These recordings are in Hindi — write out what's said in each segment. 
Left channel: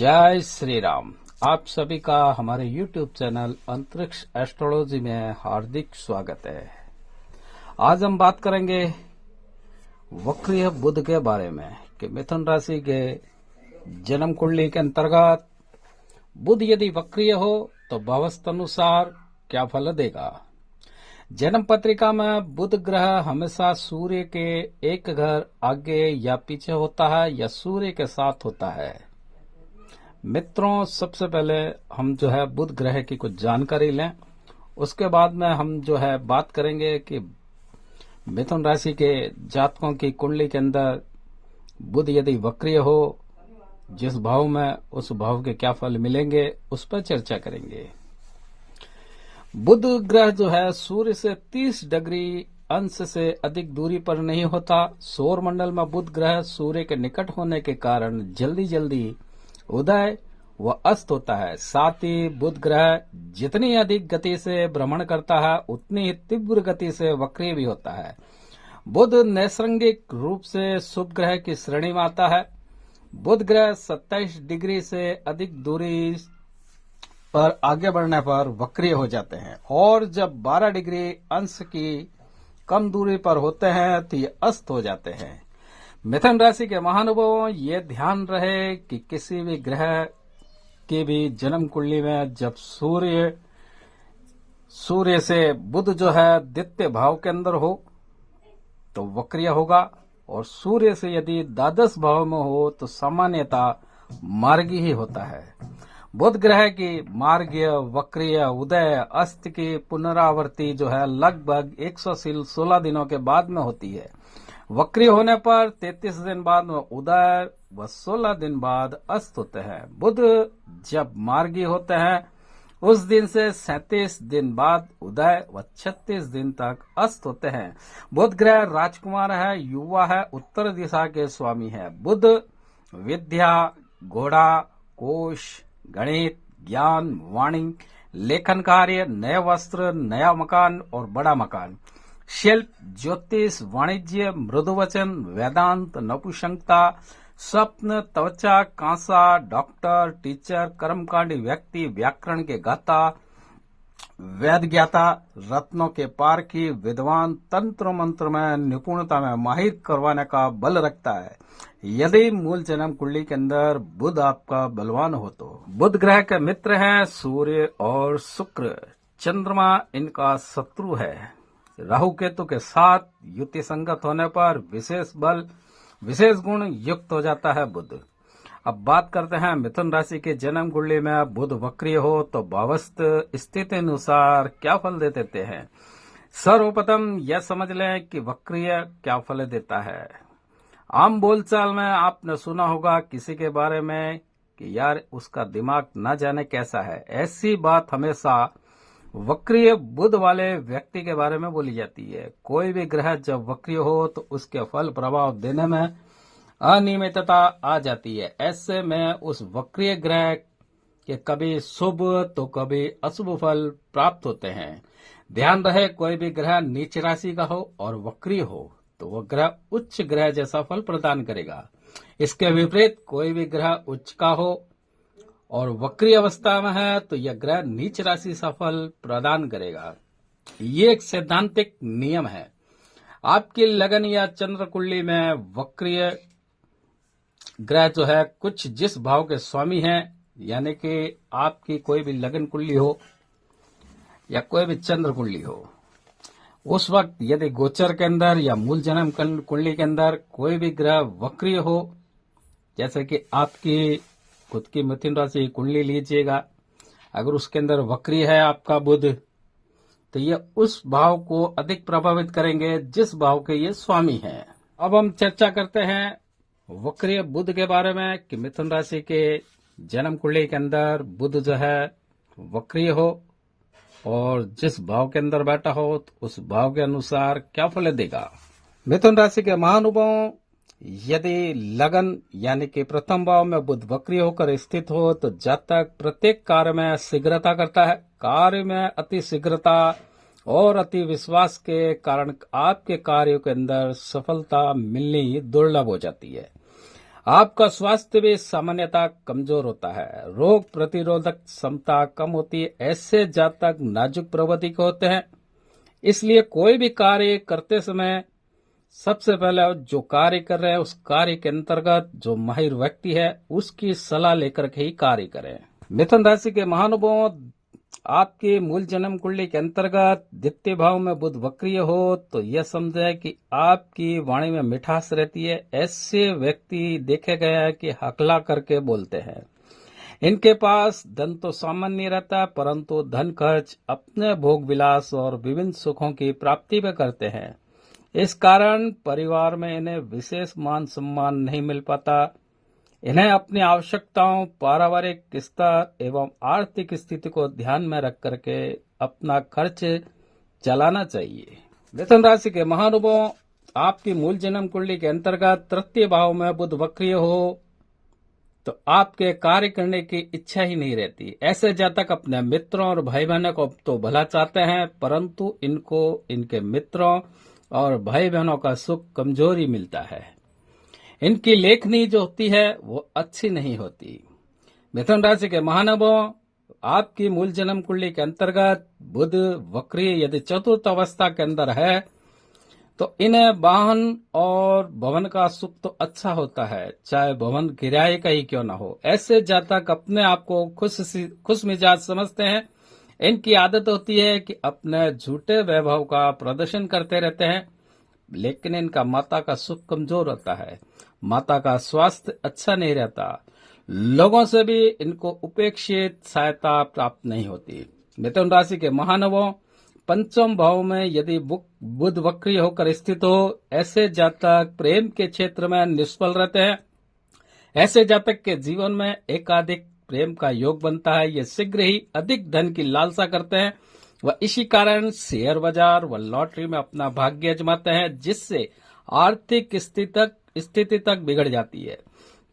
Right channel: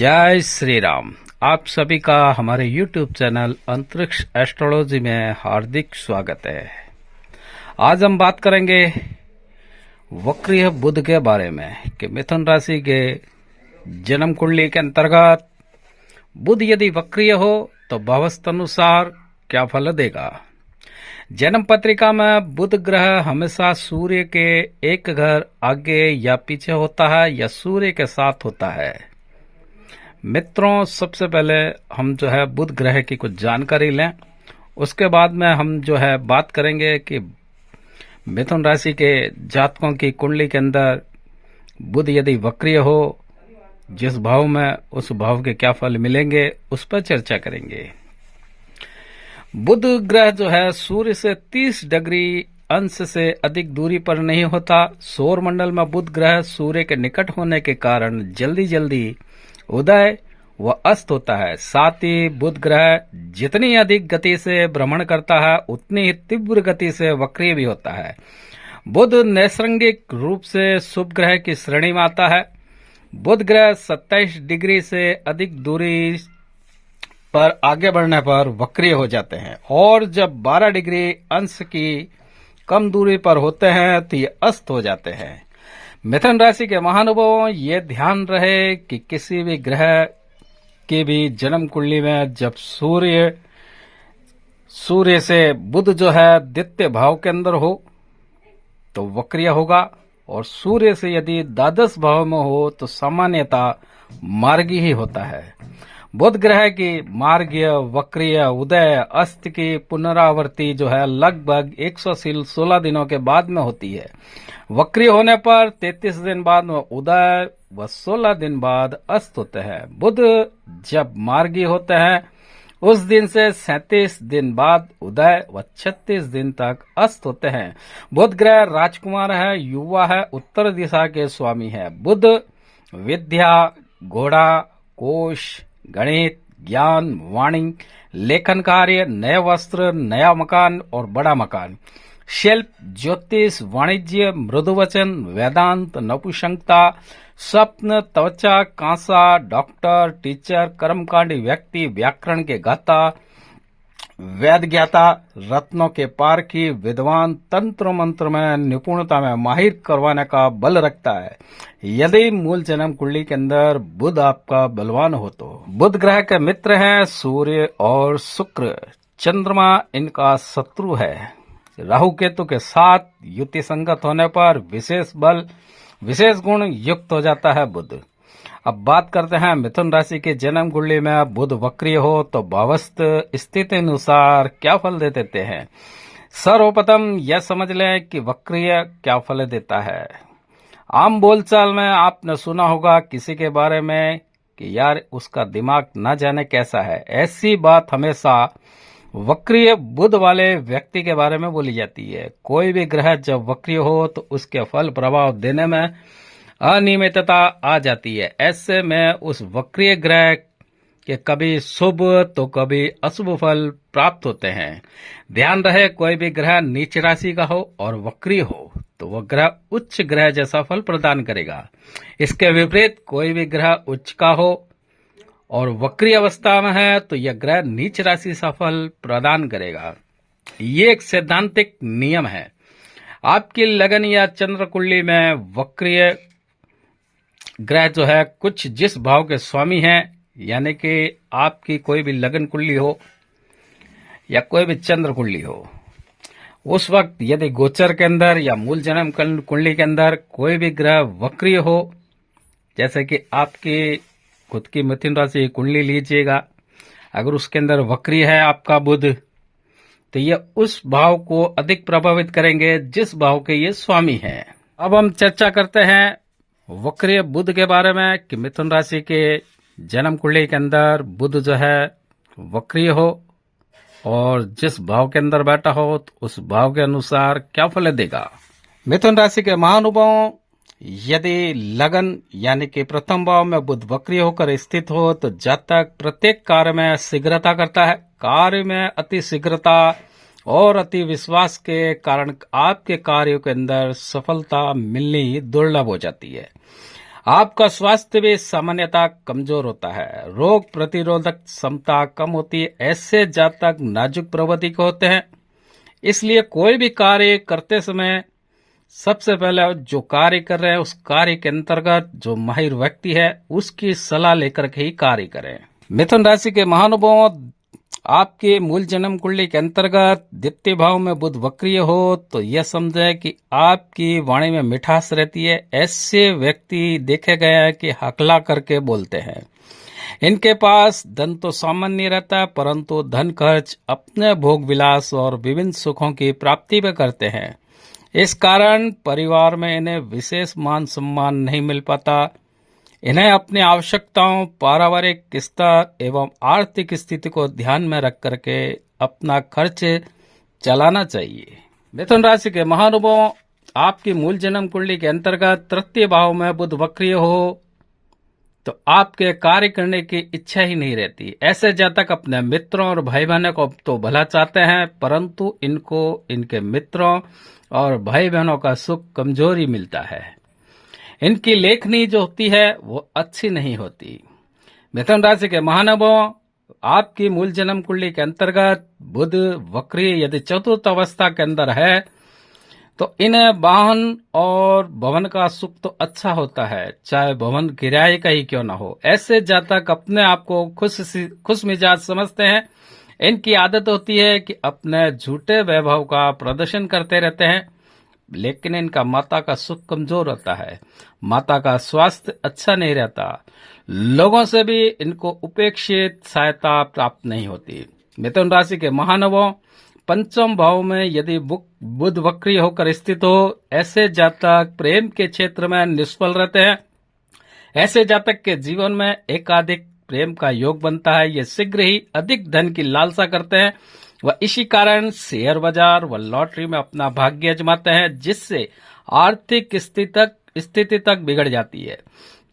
जय श्री राम। आप सभी का हमारे YouTube चैनल अंतरिक्ष एस्ट्रोलॉजी में हार्दिक स्वागत है। आज हम बात करेंगे वक्रीय बुध के बारे में कि मिथुन राशि के जन्म कुंडली के अंतर्गत बुध यदि वक्रीय हो तो भवस्थ अनुसार क्या फल देगा। जन्म पत्रिका में बुध ग्रह हमेशा सूर्य के एक घर आगे या पीछे होता है या सूर्य के साथ होता है। मित्रों, सबसे पहले हम बुध ग्रह की कुछ जानकारी लें, उसके बाद में हम बात करेंगे कि मिथुन राशि के जातकों की कुंडली के अंदर बुध यदि वक्रीय हो, जिस भाव में उस भाव के क्या फल मिलेंगे उस पर चर्चा करेंगे। बुध ग्रह सूर्य से 30 डिग्री अंश से अधिक दूरी पर नहीं होता। सौर मंडल में बुध ग्रह सूर्य के निकट होने के कारण जल्दी जल्दी उदय व अस्त होता है। साथ ही बुध ग्रह जितनी अधिक गति से भ्रमण करता है उतनी ही तीव्र गति से वक्रीय भी होता है। बुध नैसर्गिक रूप से शुभ ग्रह की श्रेणी में आता है। बुध ग्रह 27 डिग्री से अधिक दूरी पर आगे बढ़ने पर वक्रीय हो जाते हैं और जब 12 डिग्री अंश की कम दूरी पर होते हैं तो ये अस्त हो जाते हैं। मिथुन राशि के महानुभावों, ये ध्यान रहे कि किसी भी ग्रह की भी जन्म कुंडली में जब सूर्य से बुध द्वितीय भाव के अंदर हो तो वक्रीय होगा और सूर्य से यदि द्वादश भाव में हो तो सामान्यतः मार्गी ही होता है। बुध ग्रह की मार्गीय, वक्रीय, उदय, अस्त की पुनरावृत्ति लगभग 116 दिनों के बाद में होती है। वक्री होने पर 33 दिन बाद में उदय व 16 दिन बाद अस्त होते हैं। बुध जब मार्गी होते हैं उस दिन से 37 दिन बाद उदय व 36 दिन तक अस्त होते हैं। बुध ग्रह राजकुमार है, युवा है, उत्तर दिशा के स्वामी है। बुध विद्या, घोड़ा, कोश, गणित, ज्ञान, वाणी, लेखन कार्य, नए वस्त्र, नया मकान और बड़ा मकान, शिल्प, ज्योतिष, वाणिज्य, मृदुवचन, वेदांत, नपुंसकता, स्वप्न, त्वचा, कांसा, डॉक्टर, टीचर, कर्मकांडी व्यक्ति, व्याकरण के गाता, वेद ज्ञाता, रत्नों के पारखी, विद्वान, तंत्र मंत्र में निपुणता में माहिर करवाने का बल रखता है। यदि मूल जन्म कुंडली के अंदर बुध आपका बलवान हो तो बुध ग्रह के मित्र हैं सूर्य और शुक्र। चंद्रमा इनका शत्रु है। राहु केतु के साथ युति संगत होने पर विशेष बल, विशेष गुण युक्त हो जाता है बुध। अब बात करते हैं मिथुन राशि के जन्म कुंडली में बुध वक्रीय हो तो भावस्थ स्थिति अनुसार क्या फल दे देते हैं। सर्वप्रथम यह समझ लें कि वक्रीय क्या फल देता है। आम बोलचाल में आपने सुना होगा किसी के बारे में कि यार उसका दिमाग न जाने कैसा है। ऐसी बात हमेशा वक्रीय बुध वाले व्यक्ति के बारे में बोली जाती है। कोई भी ग्रह जब वक्रीय हो तो उसके फल प्रभाव देने में अनियमितता आ जाती है। ऐसे में उस वक्रीय ग्रह के कभी शुभ तो कभी अशुभ फल प्राप्त होते हैं। ध्यान रहे, कोई भी ग्रह नीच राशि का हो और वक्रीय हो तो वह ग्रह उच्च ग्रह जैसा फल प्रदान करेगा। इसके विपरीत कोई भी ग्रह उच्च का हो और वक्री अवस्था में है तो यह ग्रह नीच राशि सा फल प्रदान करेगा। ये एक सैद्धांतिक नियम है। आपकी लगन या चंद्र कुंडली में वक्रीय ग्रह कुछ जिस भाव के स्वामी हैं, यानी कि आपकी कोई भी लगन कुंडली हो या कोई भी चंद्र कुंडली हो, उस वक्त यदि गोचर के अंदर या मूल जन्म कुंडली के अंदर कोई भी ग्रह वक्रीय हो, जैसे कि आपकी खुद की मिथुन राशि कुंडली लीजिएगा, अगर उसके अंदर वक्री है आपका बुध तो यह उस भाव को अधिक प्रभावित करेंगे जिस भाव के ये स्वामी हैं। अब हम चर्चा करते हैं वक्रीय बुध के बारे में कि मिथुन राशि के जन्म कुंडली के अंदर बुध वक्रीय हो और जिस भाव के अंदर बैठा हो तो उस भाव के अनुसार क्या फल देगा। मिथुन राशि के महानुभावों, यदि लगन यानी कि प्रथम भाव में बुध वक्रीय होकर स्थित हो तो जातक प्रत्येक कार्य में शीघ्रता करता है। कार्य में अति शीघ्रता और अति विश्वास के कारण आपके कार्यों के अंदर सफलता मिलनी दुर्लभ हो जाती है। आपका स्वास्थ्य भी सामान्यतः कमजोर होता है। रोग प्रतिरोधक क्षमता कम होती है। ऐसे जातक नाजुक प्रवृत्ति के होते हैं। इसलिए कोई भी कार्य करते समय सबसे पहले जो कार्य कर रहे हैं उस कार्य के अंतर्गत जो माहिर व्यक्ति है उसकी सलाह लेकर के ही कार्य करें। मिथुन राशि के महानुभावों, आपके मूल जन्म कुंडली के अंतर्गत द्वितीय भाव में बुध वक्रीय हो तो यह समझे कि आपकी वाणी में मिठास रहती है। ऐसे व्यक्ति देखे गए हैं कि हकला करके बोलते हैं। इनके पास धन तो सामान्य रहता है, परंतु धन खर्च अपने भोग विलास और विभिन्न सुखों की प्राप्ति में करते हैं। इस कारण परिवार में इन्हें विशेष मान सम्मान नहीं मिल पाता। इन्हें अपनी आवश्यकताओं, पारिवारिक स्तर एवं आर्थिक स्थिति को ध्यान में रख करके अपना खर्च चलाना चाहिए। मिथुन राशि के महानुभावों, आपकी मूल जन्म कुंडली के अंतर्गत तृतीय भाव में बुध वक्रीय हो तो आपके कार्य करने की इच्छा ही नहीं रहती। ऐसे जातक अपने मित्रों और भाई बहनों को तो भला चाहते हैं, परंतु इनको इनके मित्रों और भाई बहनों का सुख कमजोरी मिलता है। इनकी लेखनी जो होती है वो अच्छी नहीं होती। मिथुन राशि के महानुभावों, आपकी मूल जन्म कुंडली के अंतर्गत बुध वक्रीय यदि चतुर्थ अवस्था के अंदर है तो इन्हें वाहन और भवन का सुख तो अच्छा होता है, चाहे भवन किराए का ही क्यों ना हो। ऐसे जातक अपने आप को खुश मिजाज समझते हैं। इनकी आदत होती है कि अपने झूठे वैभव का प्रदर्शन करते रहते हैं, लेकिन इनका माता का सुख कमजोर होता है। माता का स्वास्थ्य अच्छा नहीं रहता। लोगों से भी इनको उपेक्षित सहायता प्राप्त नहीं होती। मिथुन राशि के महानुभावों, पंचम भाव में यदि बुध वक्री होकर स्थित हो, ऐसे जातक प्रेम के क्षेत्र में निष्फल रहते हैं। ऐसे जातक के जीवन में एकाधिक प्रेम का योग बनता है। ये शीघ्र ही अधिक धन की लालसा करते हैं। वह इसी कारण शेयर बाजार व लॉटरी में अपना भाग्य आजमाते हैं, जिससे आर्थिक स्थिति तक बिगड़ जाती है।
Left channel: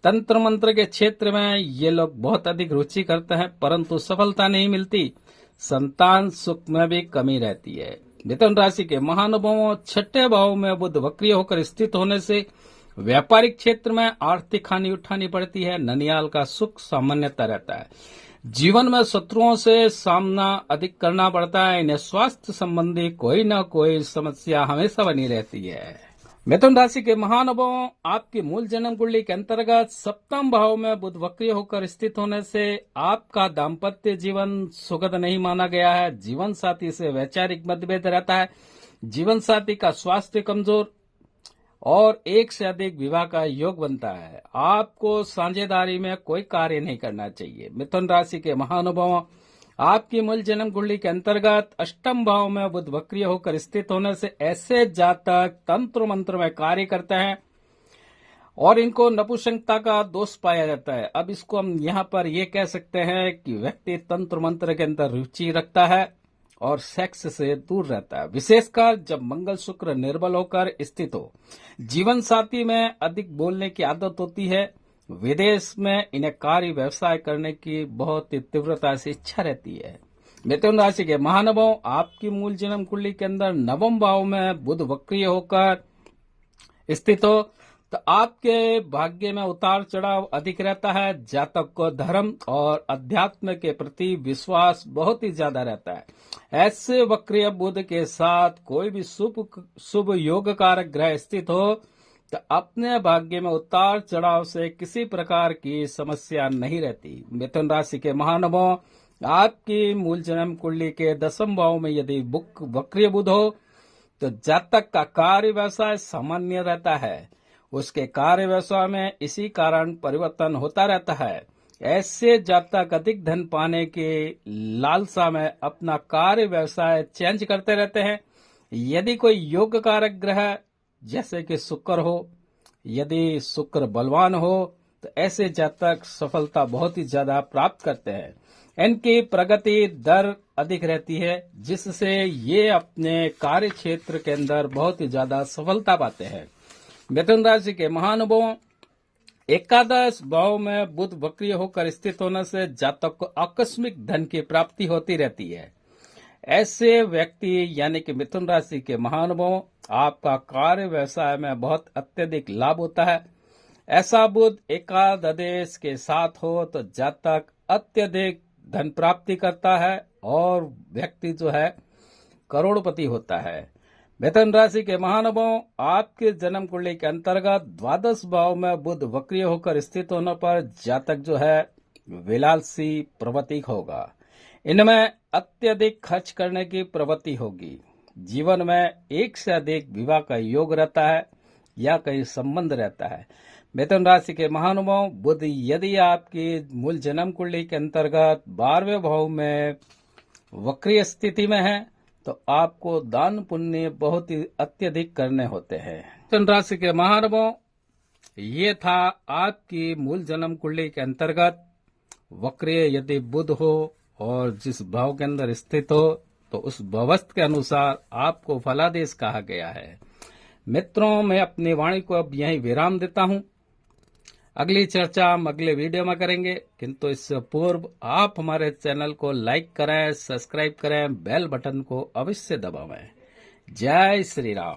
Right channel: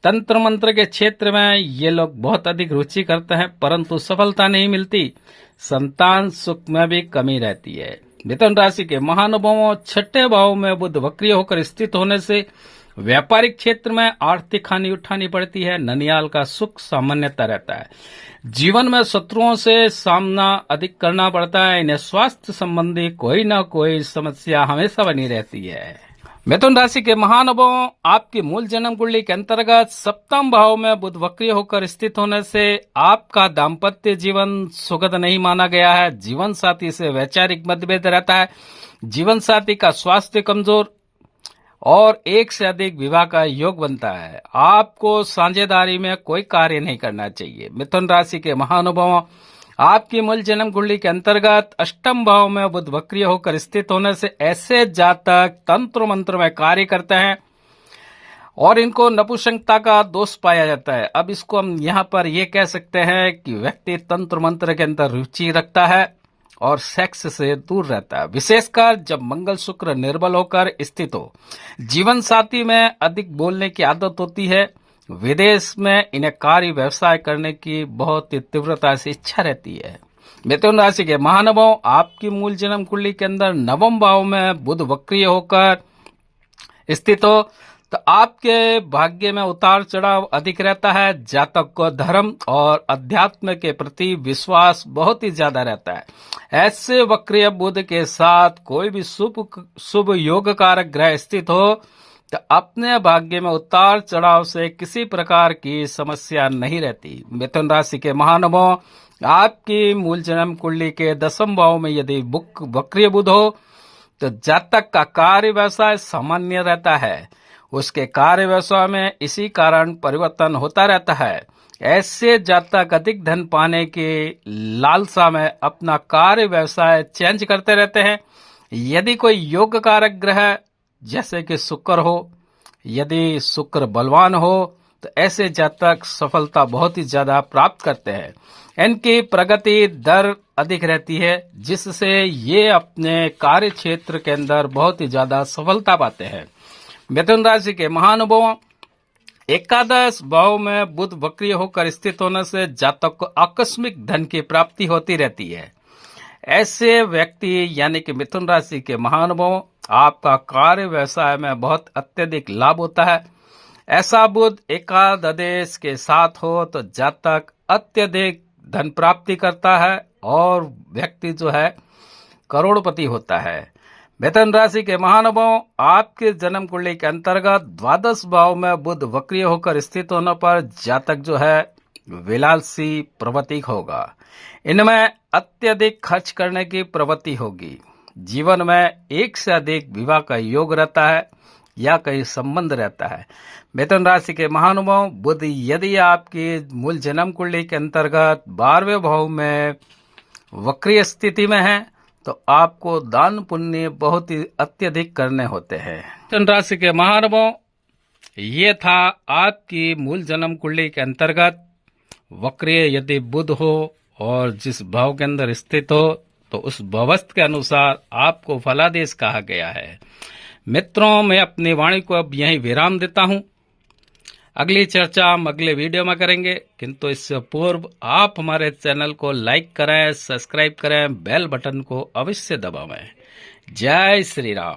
तंत्र मंत्र के क्षेत्र में ये लोग बहुत अधिक रुचि करते हैं, परंतु सफलता नहीं मिलती। संतान सुख में भी कमी रहती है। मिथुन राशि के महानुभावों, छठे भाव में बुध वक्रीय होकर स्थित होने से व्यापारिक क्षेत्र में आर्थिक हानि उठानी पड़ती है। ननियाल का सुख सामान्यता रहता है। जीवन में शत्रुओं से सामना अधिक करना पड़ता है। इन्हें स्वास्थ्य संबंधी कोई न कोई समस्या हमेशा बनी रहती है। मिथुन राशि के महानुभावों, आपकी मूल जन्म कुंडली के अंतर्गत सप्तम भाव में बुध वक्रीय होकर स्थित होने से आपका दाम्पत्य जीवन सुखद नहीं माना गया है। जीवन साथी से वैचारिक मतभेद रहता है। जीवन साथी का स्वास्थ्य कमजोर और एक से अधिक विवाह का योग बनता है। आपको साझेदारी में कोई कार्य नहीं करना चाहिए। मिथुन राशि के महानुभावों, आपकी मूल जन्म कुंडली के अंतर्गत अष्टम भाव में बुध वक्रीय होकर स्थित होने से ऐसे जातक तंत्र मंत्र में कार्य करते हैं और इनको नपुंसकता का दोष पाया जाता है। अब इसको हम यहाँ पर ये कह सकते हैं कि व्यक्ति तंत्र मंत्र के अंदर रुचि रखता है और सेक्स से दूर रहता है, विशेषकर जब मंगल शुक्र निर्बल होकर स्थित हो। जीवन साथी में अधिक बोलने की आदत होती है। विदेश में इन्हें कार्य व्यवसाय करने की बहुत ही तीव्रता से इच्छा रहती है। मिथुन राशि के महानुभाव, आपकी मूल जन्म कुंडली के अंदर नवम भाव में बुध वक्रीय होकर स्थित हो तो आपके भाग्य में उतार चढ़ाव अधिक रहता है। जातक को धर्म और अध्यात्म के प्रति विश्वास बहुत ही ज्यादा रहता है। ऐसे वक्रीय बुध के साथ कोई भी शुभ योग कारक ग्रह स्थित हो तो अपने भाग्य में उतार चढ़ाव से किसी प्रकार की समस्या नहीं रहती। मिथुन राशि के महानुभाव, आपकी मूल जन्म कुंडली के दसम भाव में यदि वक्रीय बुध हो तो जातक का कार्य व्यवसाय सामान्य रहता है। उसके कार्य व्यवसाय में इसी कारण परिवर्तन होता रहता है। ऐसे जातक अधिक धन पाने के लालसा में अपना कार्य व्यवसाय चेंज करते रहते हैं। यदि कोई योग कारक ग्रह जैसे कि शुक्र हो, यदि शुक्र बलवान हो तो ऐसे जातक सफलता बहुत ही ज्यादा प्राप्त करते हैं। इनकी प्रगति दर अधिक रहती है, जिससे ये अपने कार्य क्षेत्र के अंदर बहुत ही ज्यादा सफलता पाते हैं। मिथुन राशि के महानुभावों, एकादश भाव में बुध वक्रीय होकर स्थित होने से जातक को आकस्मिक धन की प्राप्ति होती रहती है। ऐसे व्यक्ति यानी कि मिथुन राशि के महानुभाव, आपका कार्य व्यवसाय में बहुत अत्यधिक लाभ होता है। ऐसा बुध एकादश के साथ हो तो जातक अत्यधिक धन प्राप्ति करता है और व्यक्ति जो है करोड़पति होता है। मिथुन राशि के महानुभाव, आपके जन्म कुंडली के अंतर्गत द्वादश भाव में बुध वक्रीय होकर स्थित होने पर जातक जो है विलासी प्रवृत्ति होगा। इनमें अत्यधिक खर्च करने की प्रवृत्ति होगी। जीवन में एक से अधिक विवाह का योग रहता है या कहीं संबंध रहता है। मिथुन राशि के महानुभाव, बुध यदि आपकी मूल जन्म कुंडली के अंतर्गत 12वें भाव में वक्रीय स्थिति में है तो आपको दान पुण्य बहुत ही अत्यधिक करने होते हैं। मिथुन राशि के महानुभाव, ये था आपकी मूल जन्म कुंडली के अंतर्गत वक्रीय यदि बुध हो और जिस भाव के अंदर स्थित हो तो उस भवस्थ के अनुसार आपको फलादेश कहा गया है। मित्रों, मैं अपनी वाणी को अब यहीं विराम देता हूं। अगली चर्चा हम अगले वीडियो में करेंगे, किंतु इससे पूर्व आप हमारे चैनल को लाइक करें, सब्सक्राइब करें, बेल बटन को अवश्य दबावें। जय श्री राम।